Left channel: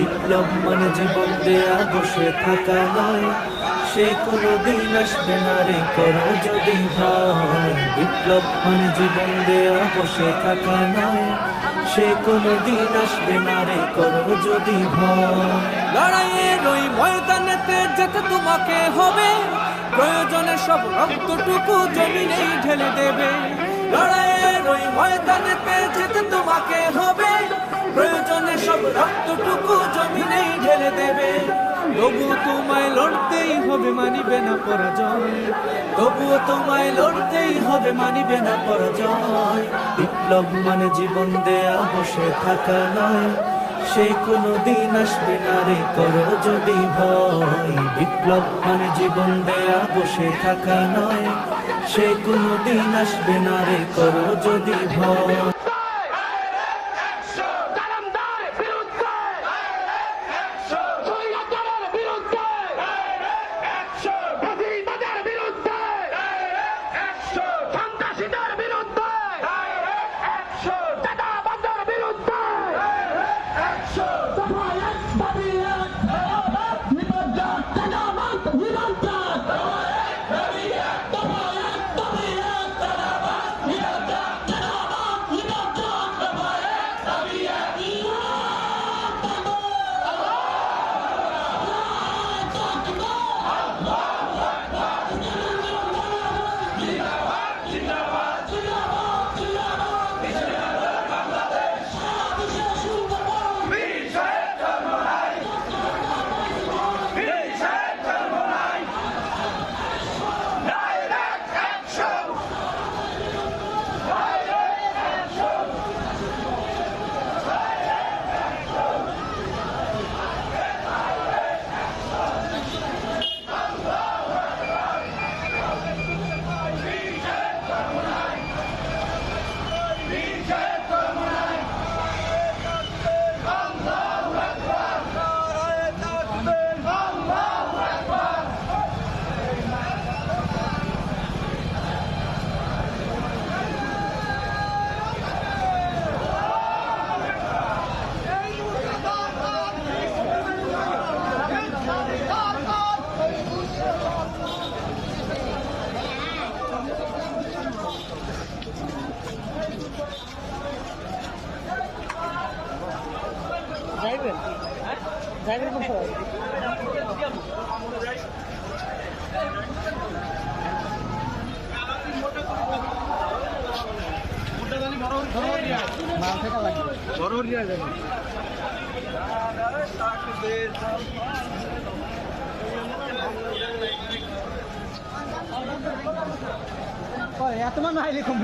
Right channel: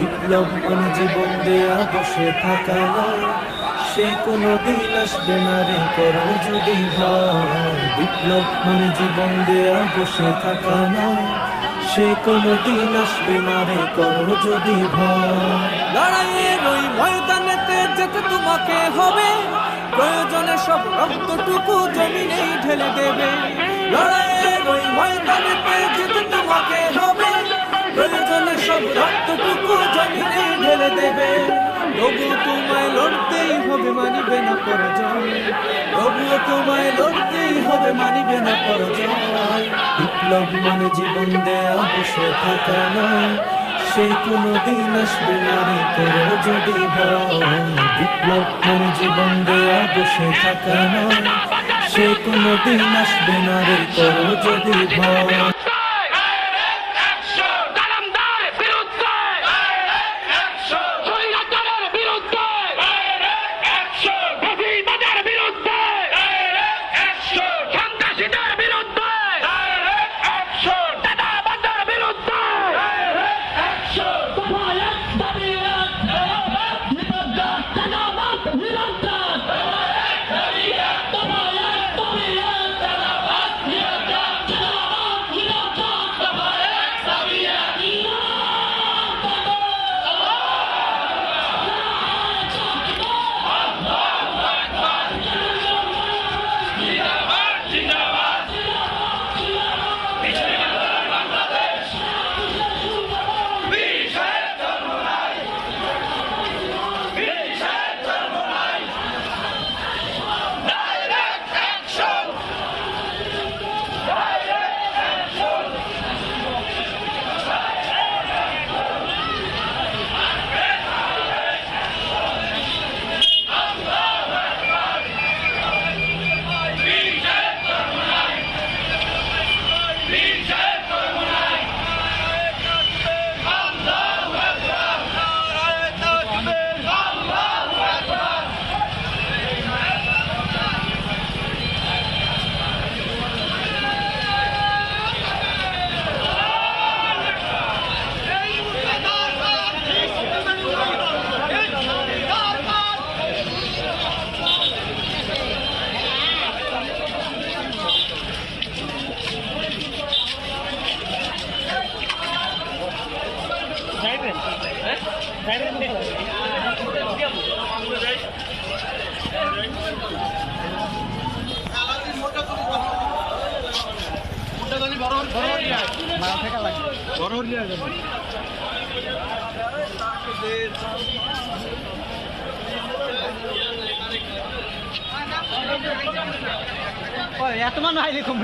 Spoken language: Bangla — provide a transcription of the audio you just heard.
বিপ্লব মানে জীবন দেয়া বসে থাকা নয়, সে কোনো দিন আসবে না রে করো যদি ভয়। বিপ্লব মানে জীবন দেয়া বসে থাকা নয়, সে কোনো দিন আসবে না রে করো যদি ভয়। লড়াইয়ের ওই ময়দানেতে যেতে তোমাকে হবে, প্রয়োজনে সব রক্তটুকু জমিনেই ঢেলে দেবে। লড়াইয়ের ওই ময়দানেতে যেতে তোমাকে হবে, প্রয়োজনে সব রক্তটুকু জমিনেই ঢেলে দেবে। তবুও তোমায় লড়তেই হবে, মানিবে না পরাজয়। তবুও তোমায় লড়তেই হবে, মানিবে না পরাজয়। বিপ্লব মানে জীবন দেয়া বসে থাকা নয়, সে কোনো দিন আসবে না রে করো যদি ভয়। বিপ্লব মানে জীবন দেয়া বসে থাকা নয়, সে কোনো দিন আসবে না রে করো যদি ভয়। এত মানুষ আইলে কম